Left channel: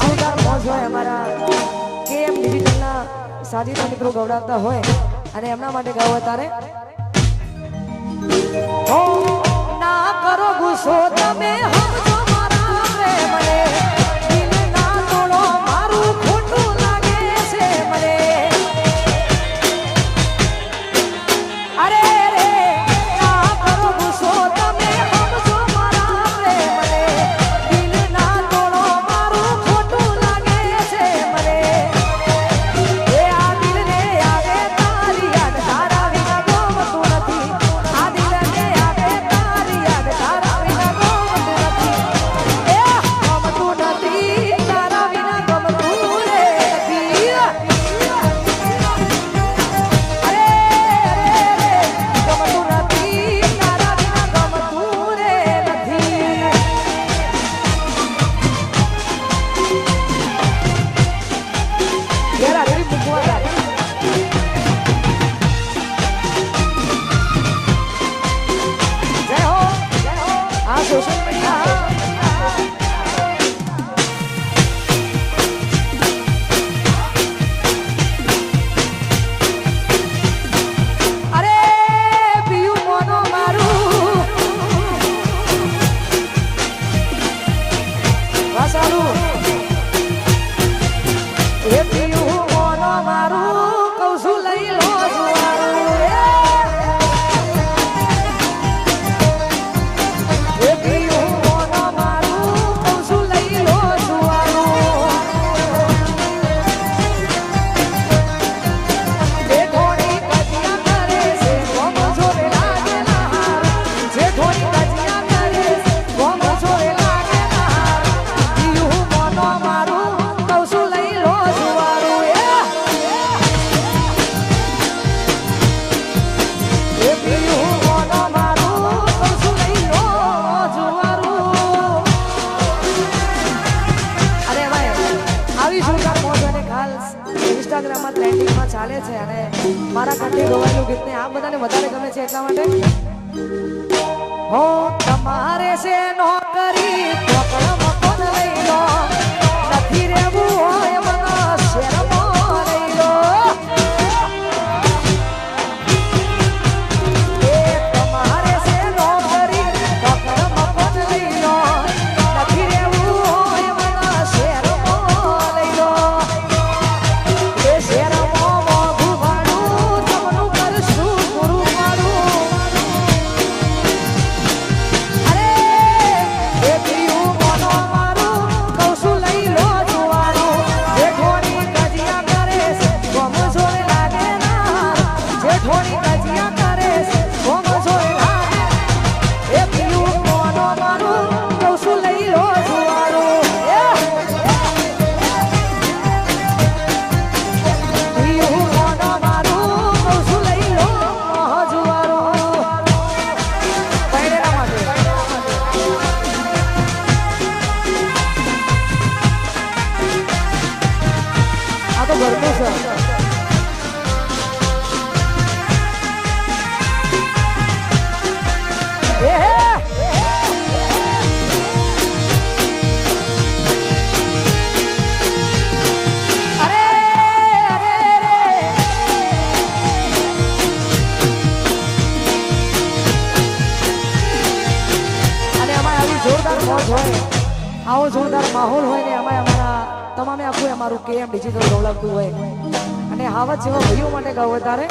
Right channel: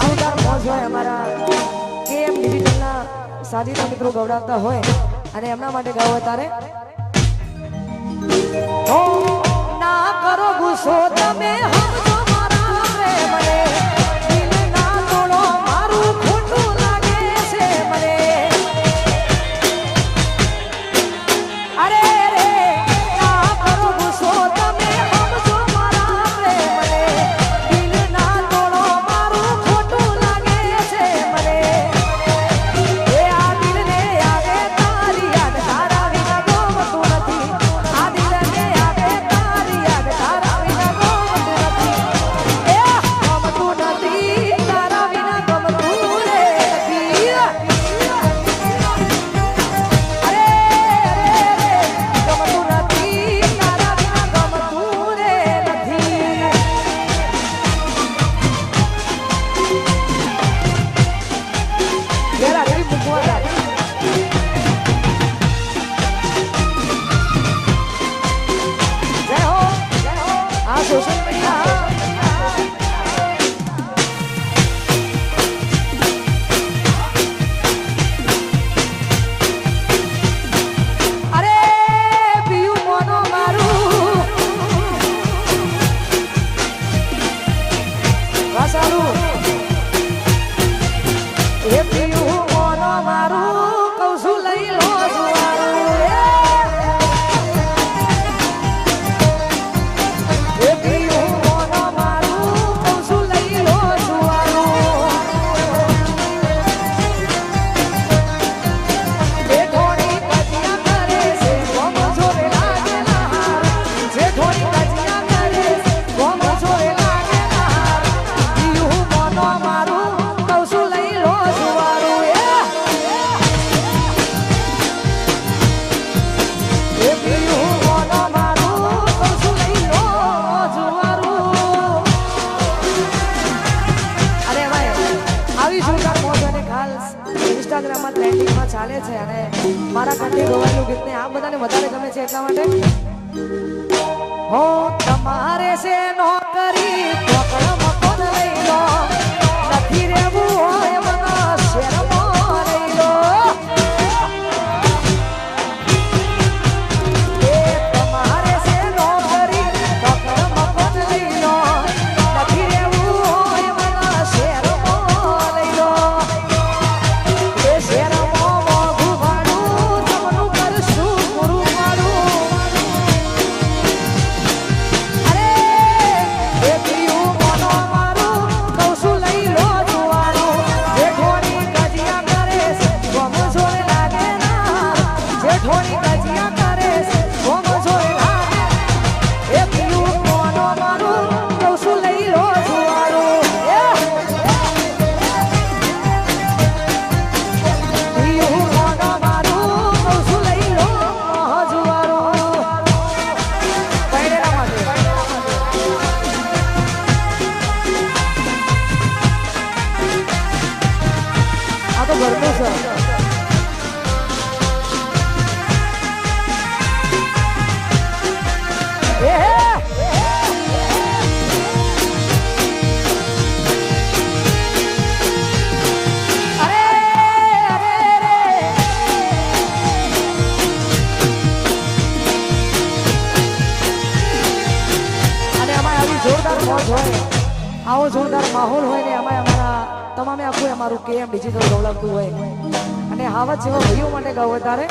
જોરદાર મોજ હોય અમારા કેમ ડિજિટલના સાજીના મિત્રો ગવડાવતા હોય અને એમના માટે ગાવ તારે ઓ ના કરો ગુસ્સો તમે સમજો મારા મને દિલ ના તોડો મારું ખોટું લાગે છે મને અરે રે ના કરો ગુસ્સો તમે સમજો મારા મને દિલ ના તોડો મારું ખોટું લાગે છે મને એ આ દિલને યાદે તારી યાદ તારા વિના ગમતું નથી આ દિલને યાદે તારી યાદ તારા વિના ગમતું નથી એ ગમતું નથી તારા વિના ગમતું નથી અરે ગમતું નથી તારા વિના ગમતું નથી યાર આ બધી પૂછવા જય હો આ સોશિયલ મીડિયા અરે પીયું મોનો મારું વાસારું એ પીયું મોનો મારું કૌસુ લઈ લો સુવારું એ પીયું મોનો મારું કૌસુ લઈ લો સુવારું એ થોડી બચિયા કરે છે કોમ છોરે લાગેલા જે થોડી બચિયા કરે છે કોમ છોરે લાગેલા પીયું મોનો મારું કૌસુ લઈ લો સુવારું એ પીયું મોનો મારું કૌસુ લઈ લો સુવારું અરે ભાઈ આવી જોરદાર મોજ અને ખાસ ઇન્સ્ટાગ્રામમાં ટ્રેન્ડિંગમાં ચાલે છે અને મારા કન્ટેન્ટ વાળું ગીતને આ બધાને વધારે ગમે છે એટલા માટે હો તમારે છે નોકરી પકડ મકડ લઈ લો નથી રહેવું હોય મના શેરમાં રહી લો તમારે છે નોકરી પકડ મકડ લઈ લો નથી રહેવું હોય મના શેરમાં લઈ લો એ શેરમાં મોઢું ભાડું જમનું કરશું પૂરું મારું અરે એ પીયું મોનો મારું કૌસુ લઈ લો જુવારું જે થોડી ગજિયા કરે છે કોમ છોરે લાગે ના જે થોડી ગજિયા કરે છે કોમ છોરે લાગે એ પીયું મોનો મારું કૌસુ લઈ લો જુવારું પીયું મોનો મારું કૌસુ લઈ લો જુવારું પૈરેના માટે આ તો બોલતો છે અરે અરે અને અમારે આવી જોરદાર મોજ હોય આવો જોરદાર માહોલ હોય ને એમાં અમારા તમામે આખું અમારું કેમ ડિજિટલ ડેવલપતું હોય અને હાવત જેવા ભાઈઓ માટે કહો તારે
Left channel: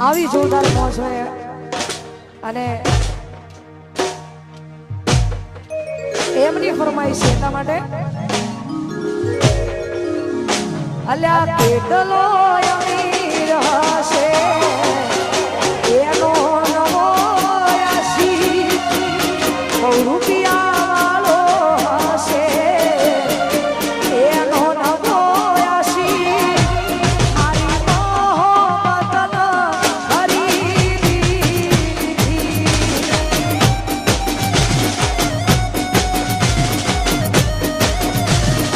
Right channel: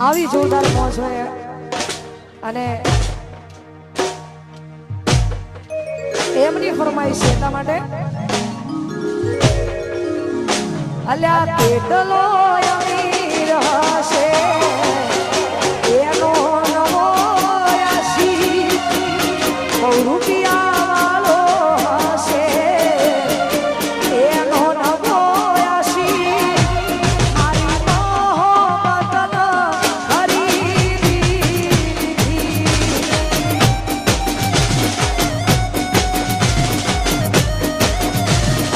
આવી જોરદાર મોજ હોય અને એમની ફરમાઈશ છે એટલા માટે અલ્યા કેટલો અમીર હશે એનો નવો આશી રૂપિયા વાળો હશે એનો નવો આશી હરી મોહમ્મદના હરી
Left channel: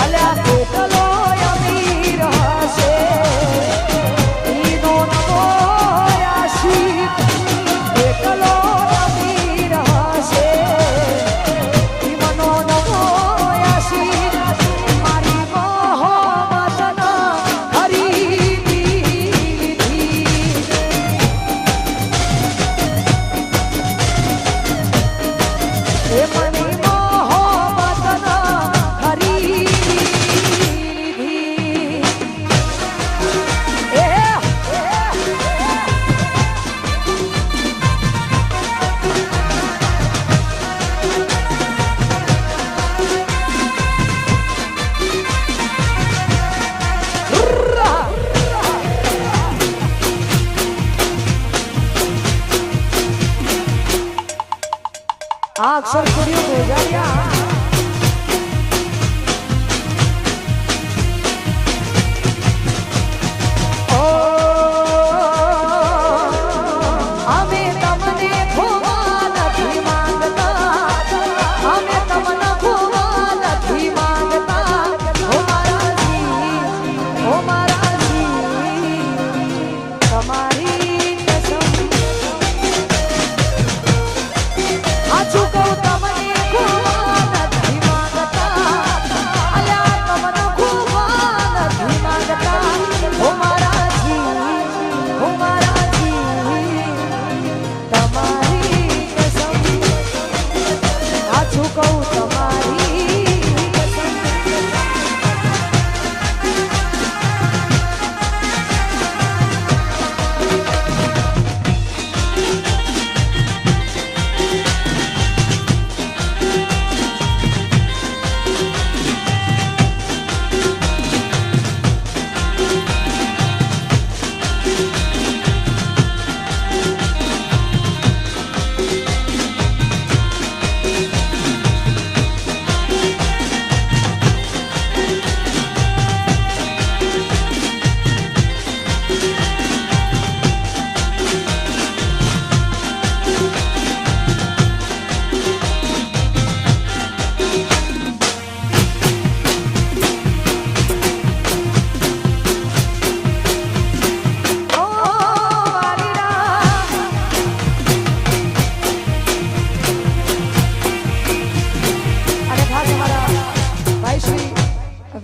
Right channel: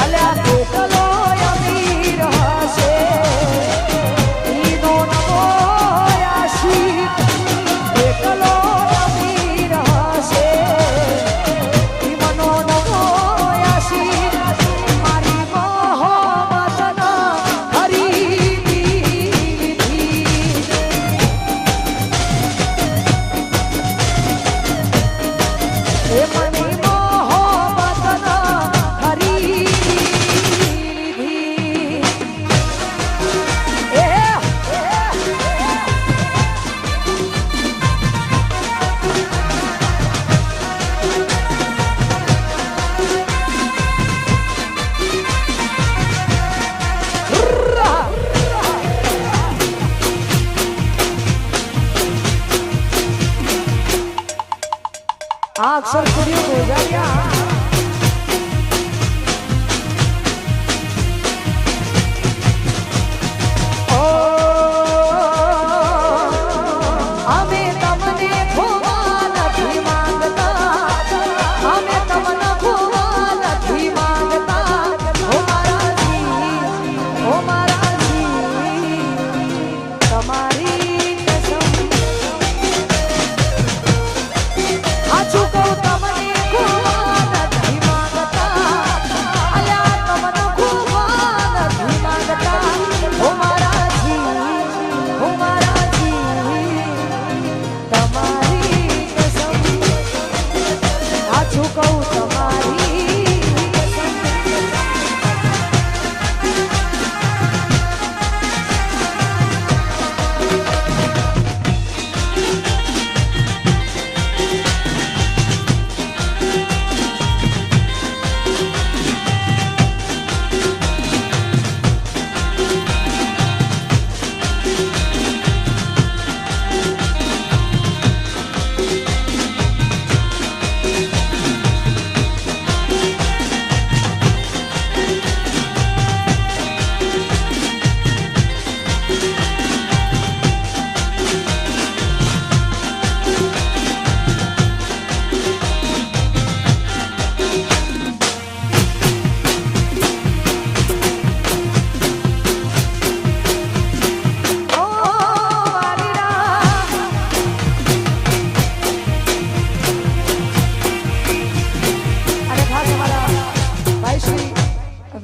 અલ્યા કેટલો અમીર હશે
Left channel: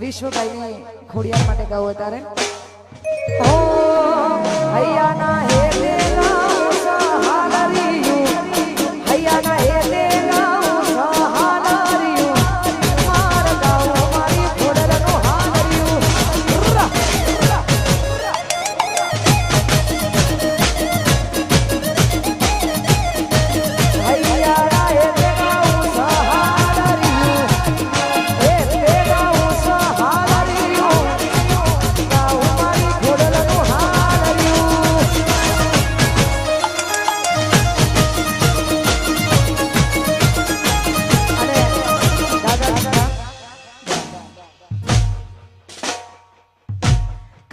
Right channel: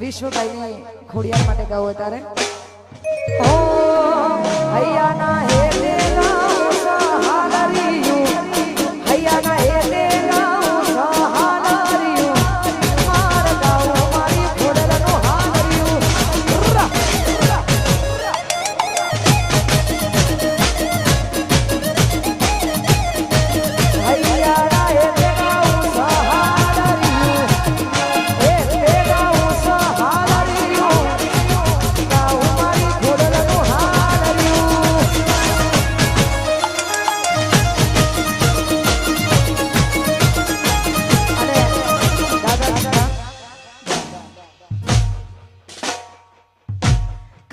વિશ્વભાઈની ખોડિયાર માટે ગાવું અત્યારે ઓ હૈયાના હે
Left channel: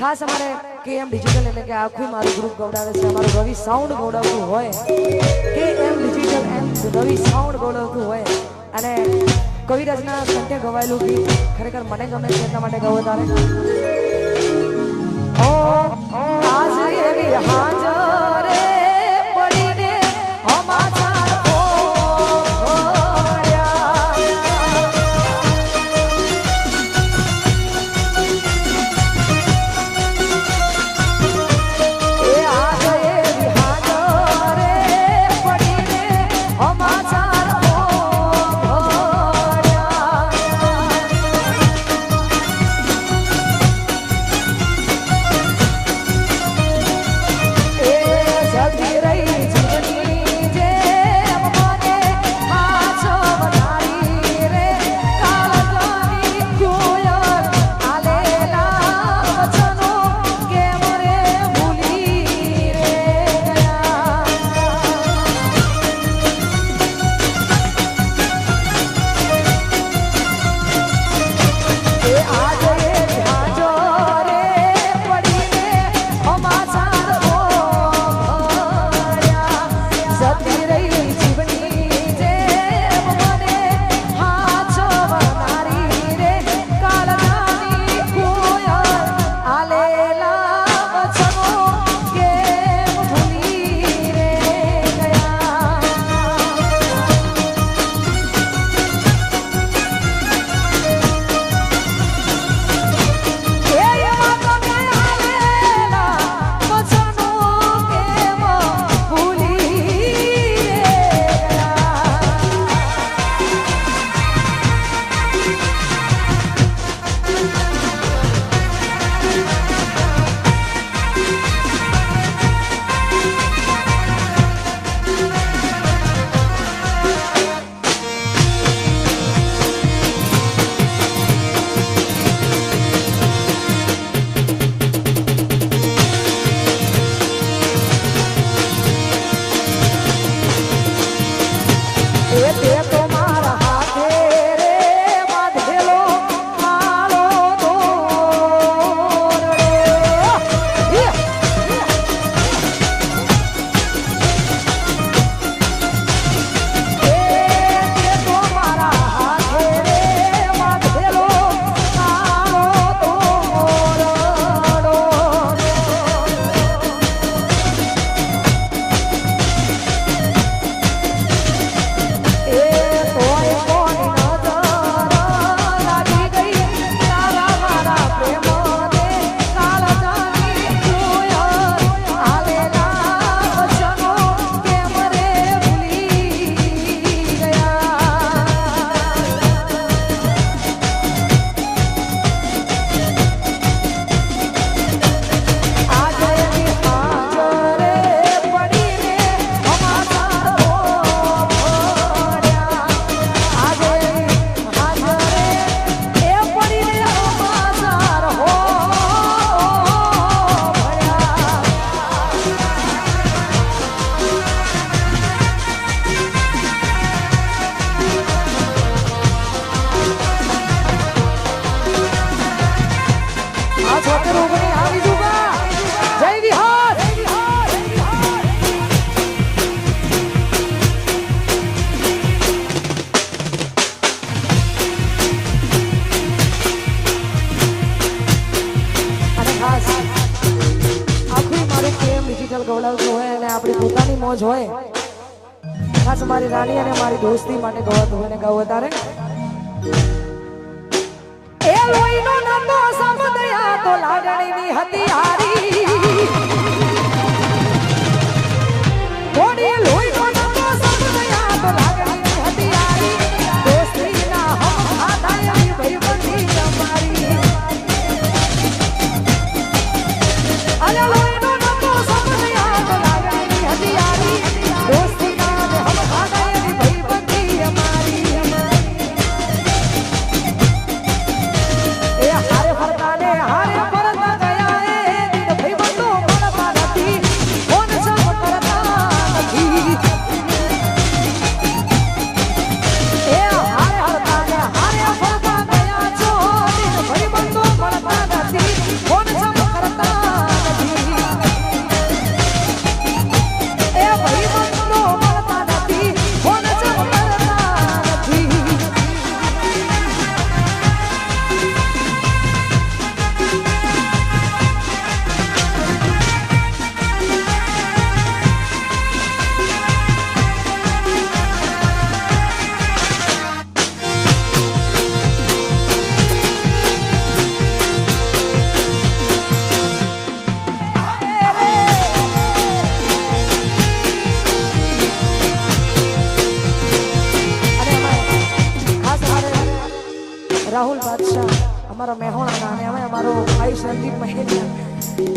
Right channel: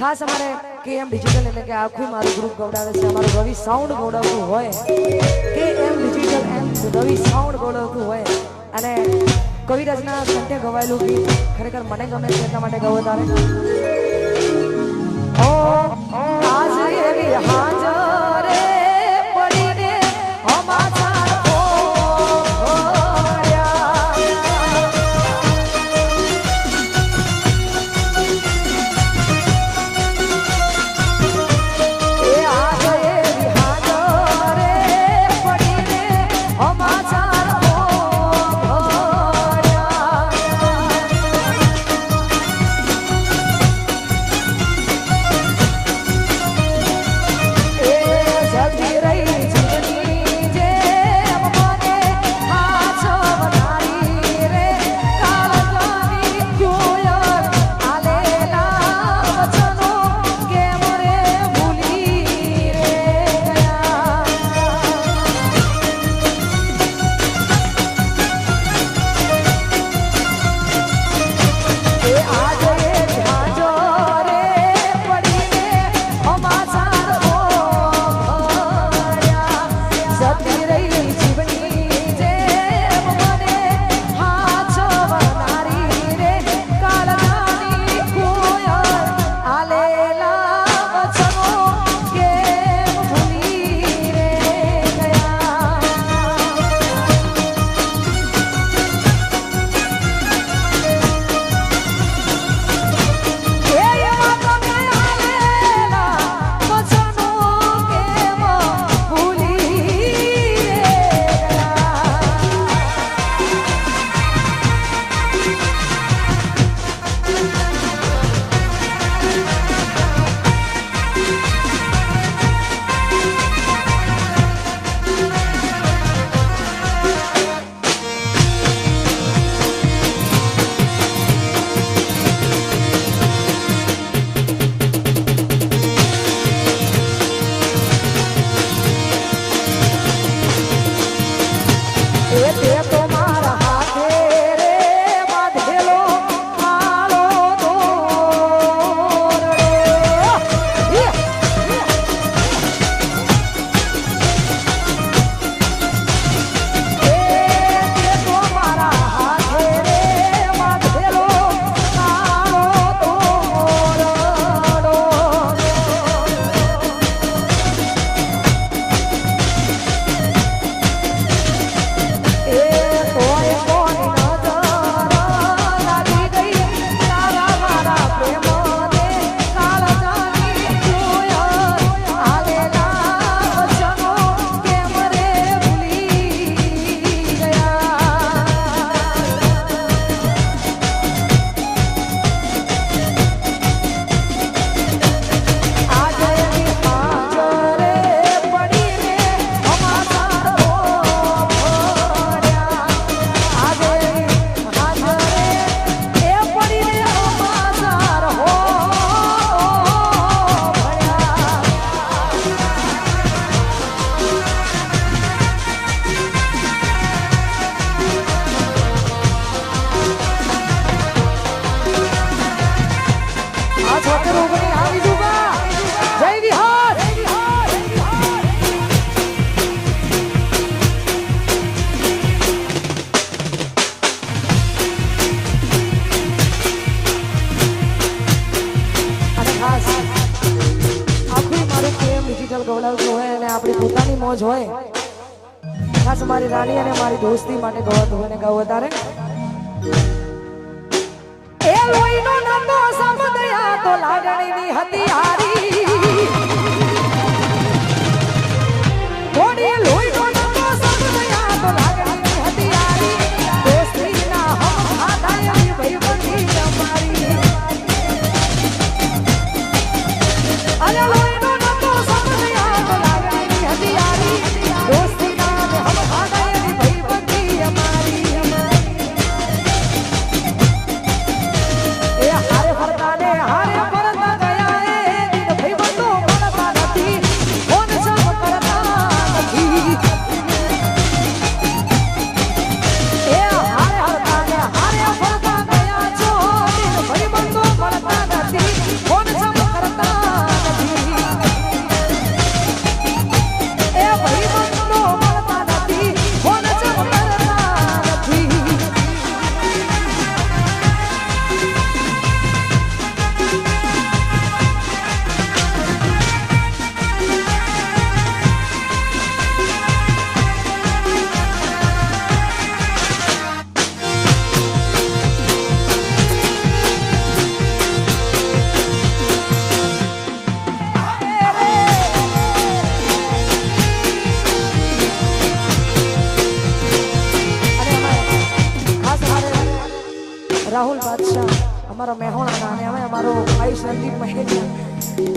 ખાસ અમારે કેએમ ડિજિટલ એટલે કે આખું મારું ગ્રુપ ગવડાવે છે અમારું રવિ સાઉન્ડ ગવડાવતું હોય કેએમ ડિજિટલ રવિ સાઉન્ડ ગવડાવતું હોય અને કવિરાજના સંતે ગવાયેલું ગીત ખરેખર મને ગમે છે એટલા માટે ગાવું તારે ઓ હાજરી એવી હાજર પડીને અમારા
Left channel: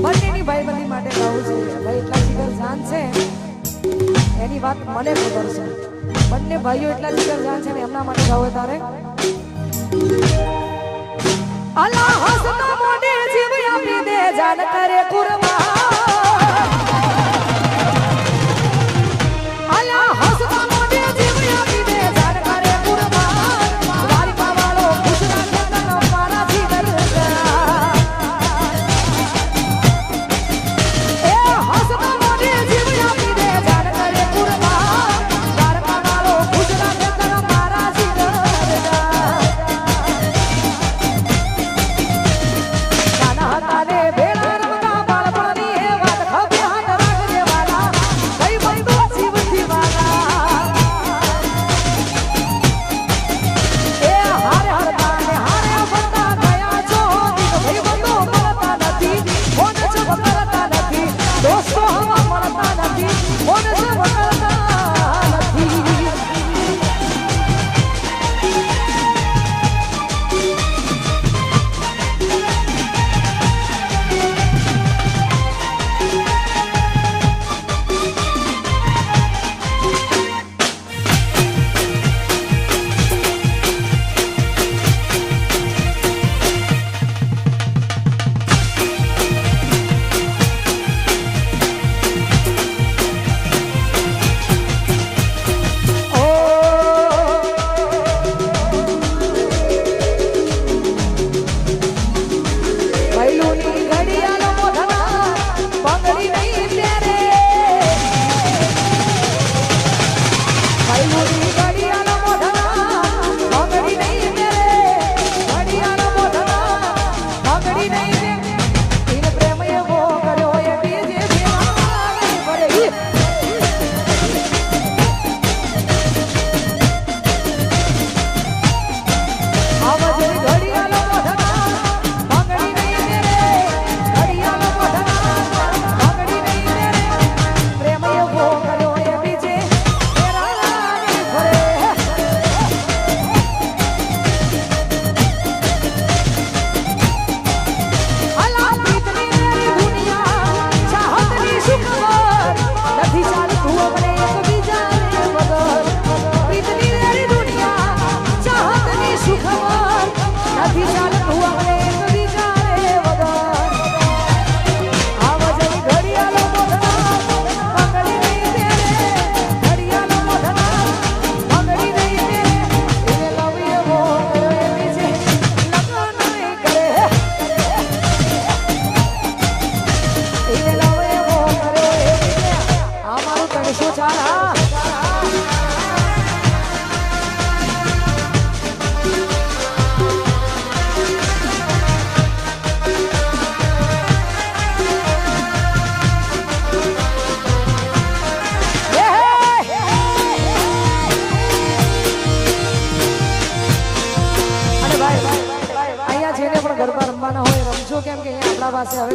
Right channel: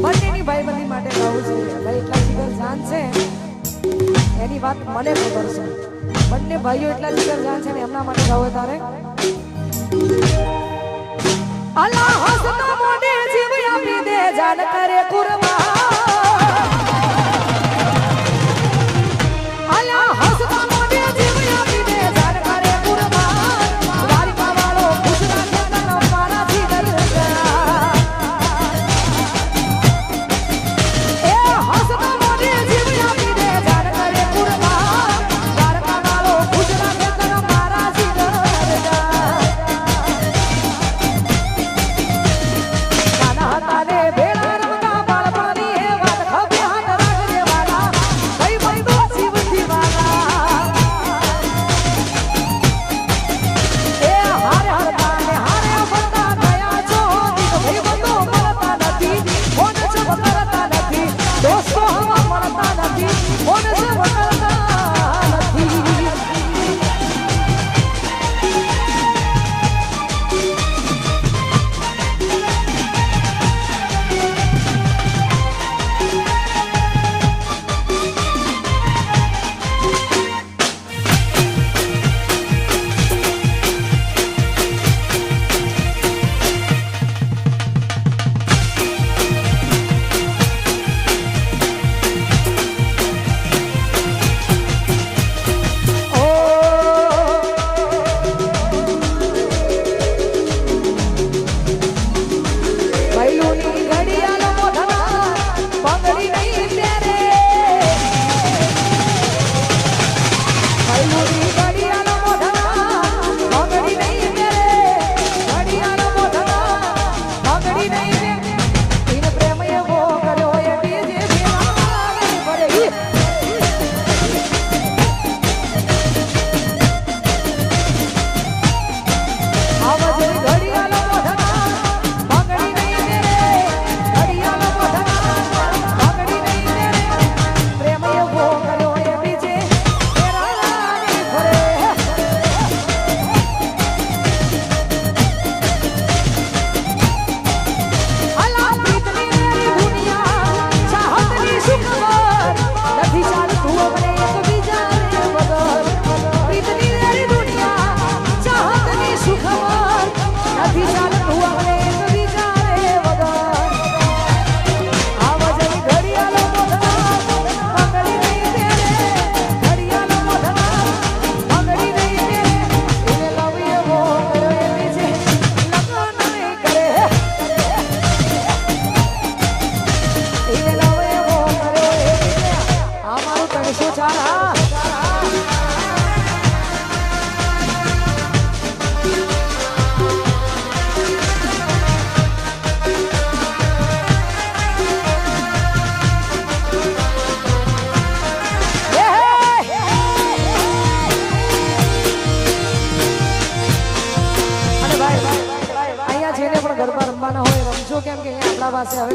બંનેની ભાઈબંધી માટે ગાવું છે એટલે એટલા જીગર જાન છે એની વાત મને ખબર છે બંને ભાઈઓ એટલા જીગર જાન છે ને એમના માટે ગાવું તારે અલ્લાહ હસના મોઢે જીવ આપી દે જાન કરે કુરબાન અલ્લાહ હસના મોઢે જીવ આપી દે જાન કરે કુરબાન દ્વારકા વાળો ખુશના ચંદન મારા જીગર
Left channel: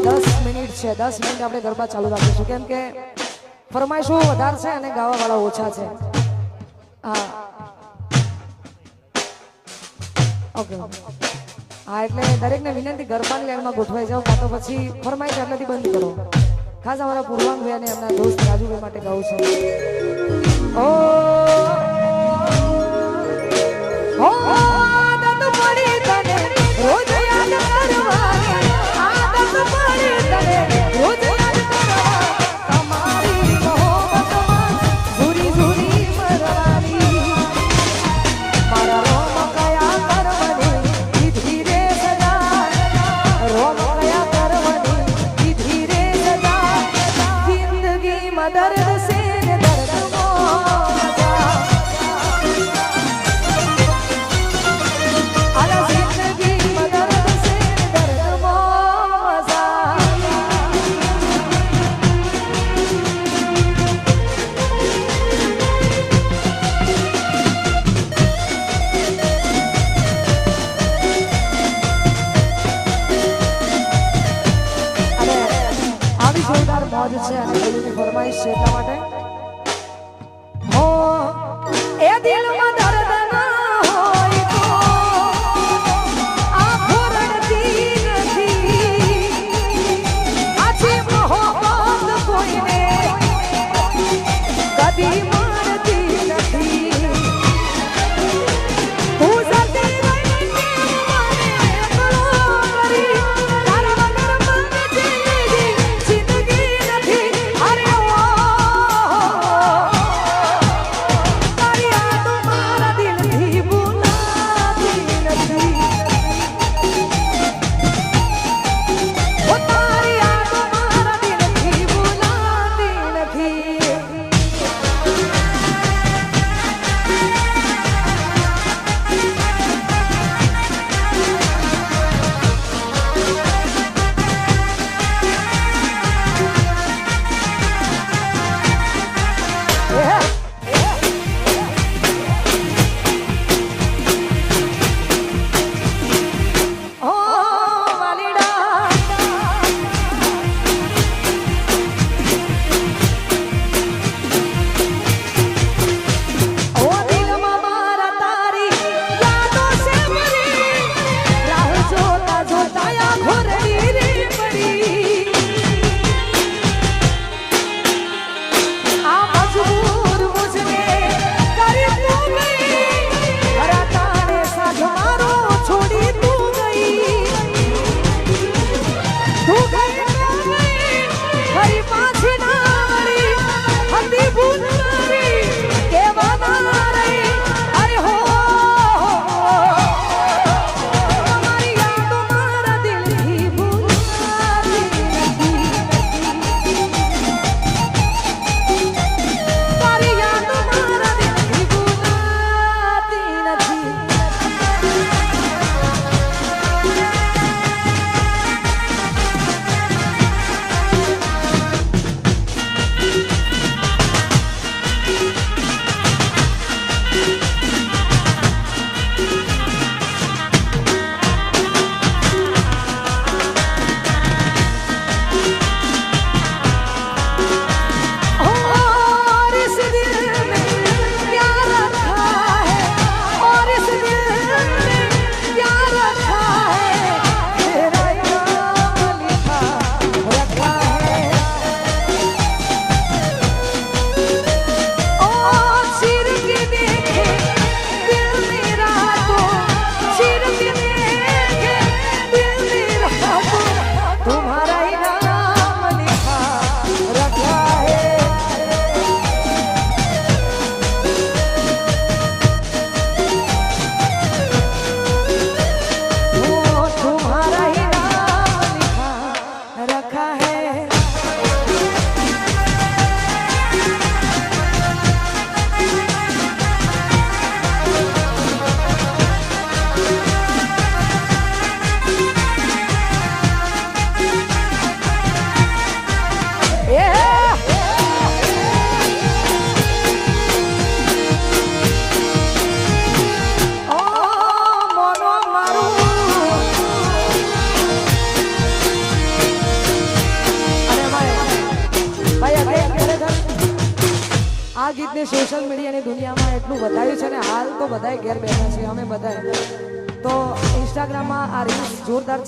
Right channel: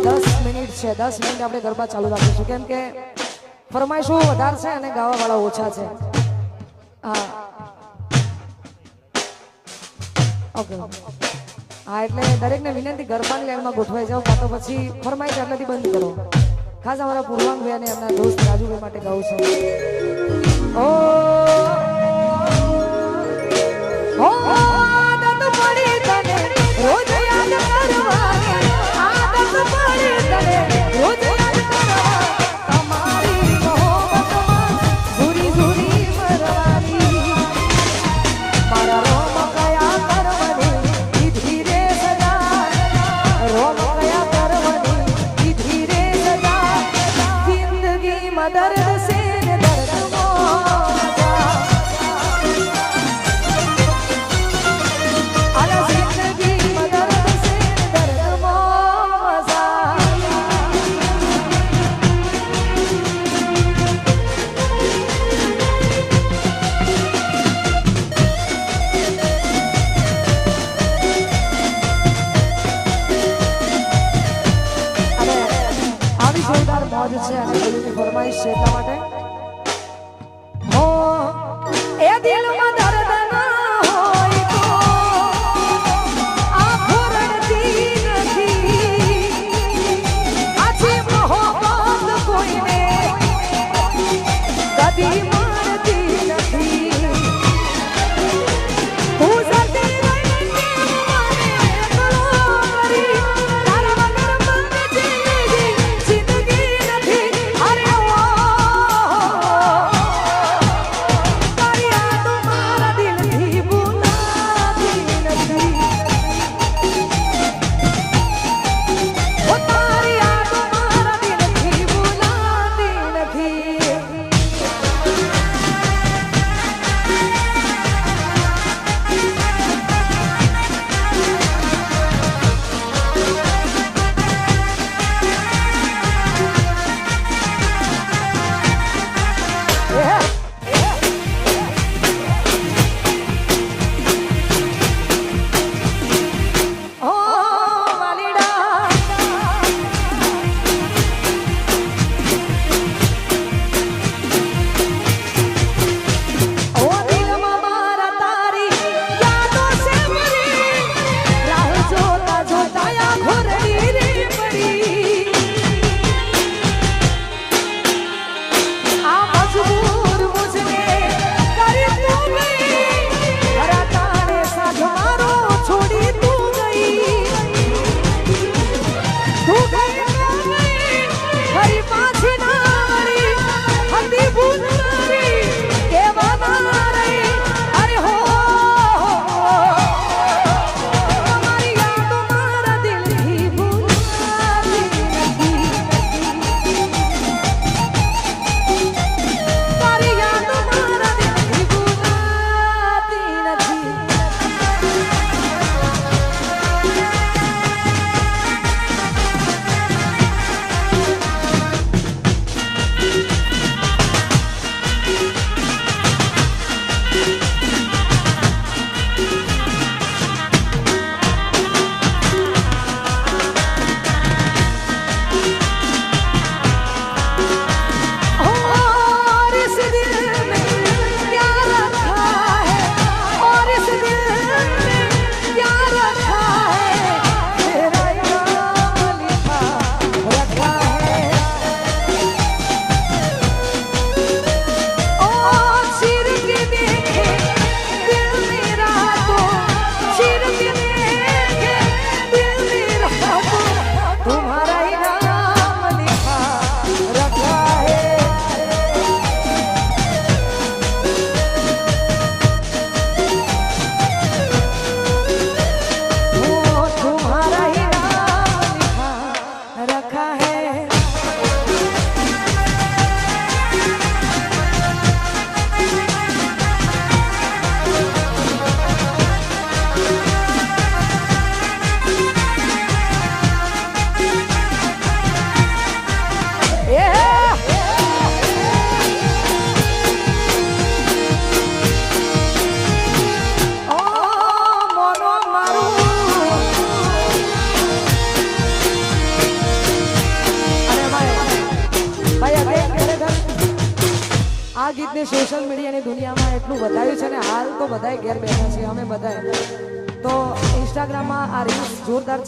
10 મિનિટ છે 10 મિનિટ આપણે ગરબા ચાલુ રાખીશું કેમ કે ફરમાઈશો વધારે છે અને ગાવા વાળા ઓછા છે હા ઓકે હા એટલે દરેકને વિનંતી ગરબાને લેવામાં ગોઠવાઈ જાવ કાં તો પછી ફરમાઈશ એટલી બંધ કરો ખાસ અમારા પૂર્વાંગ ભાઈ અને એમના દોસ્ત રાજુભાઈ માટે ગાઉં છું ઓ ઓ આદત પડી તને રોજ યાદ કરવાની આદત પડી તને રોજ યાદ કરવાની તમારી મોહબ્બતમાં સુરી સુરી કરવાની મારા રોમ ગયા કરવાની દીધી રે સદા રોમ ગયા કરવાની દીધી રે સદા જિંદગીમાં દર્દ સે દર્દ નો મજા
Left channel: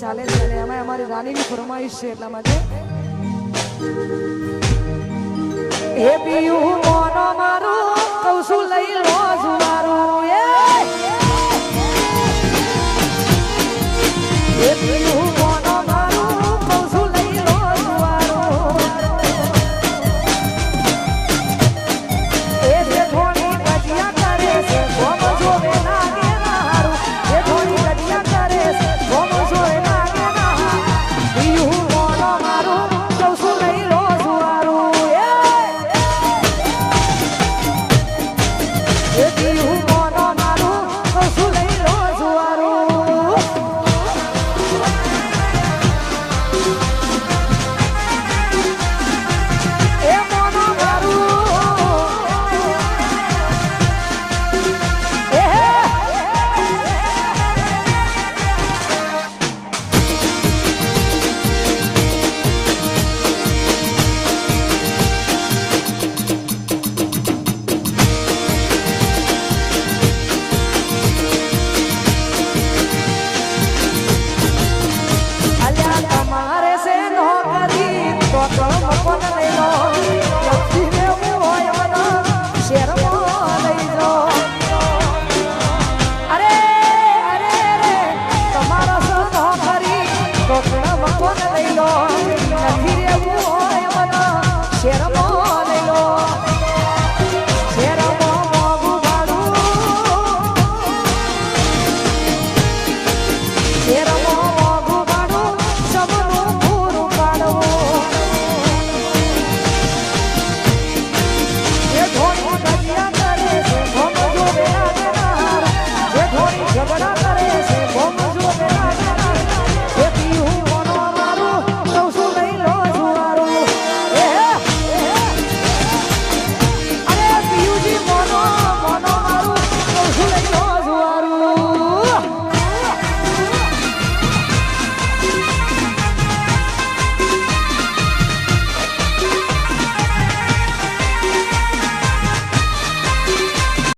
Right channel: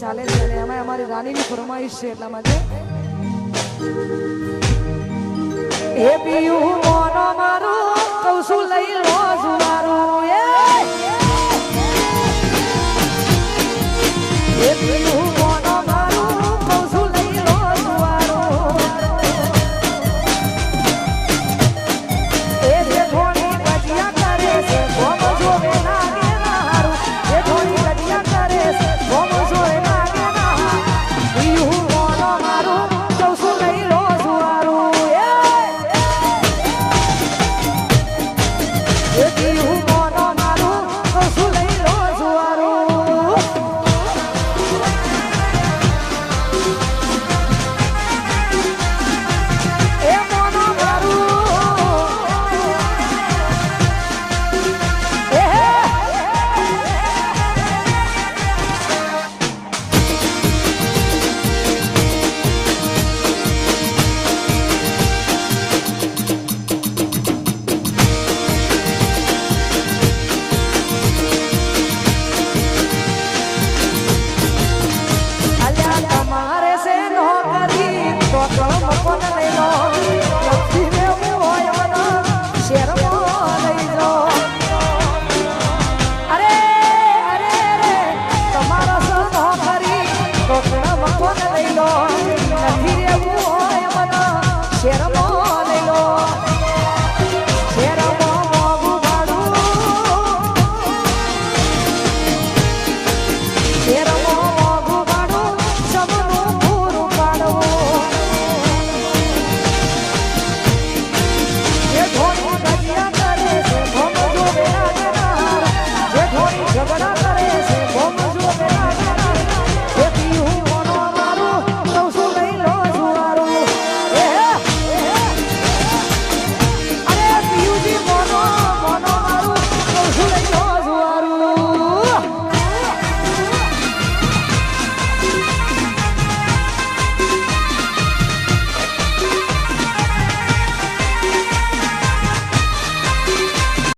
ચાલે છે અને અમે અમારી રાણીની ફરમાઈશ છે એટલા માટે એ પીયું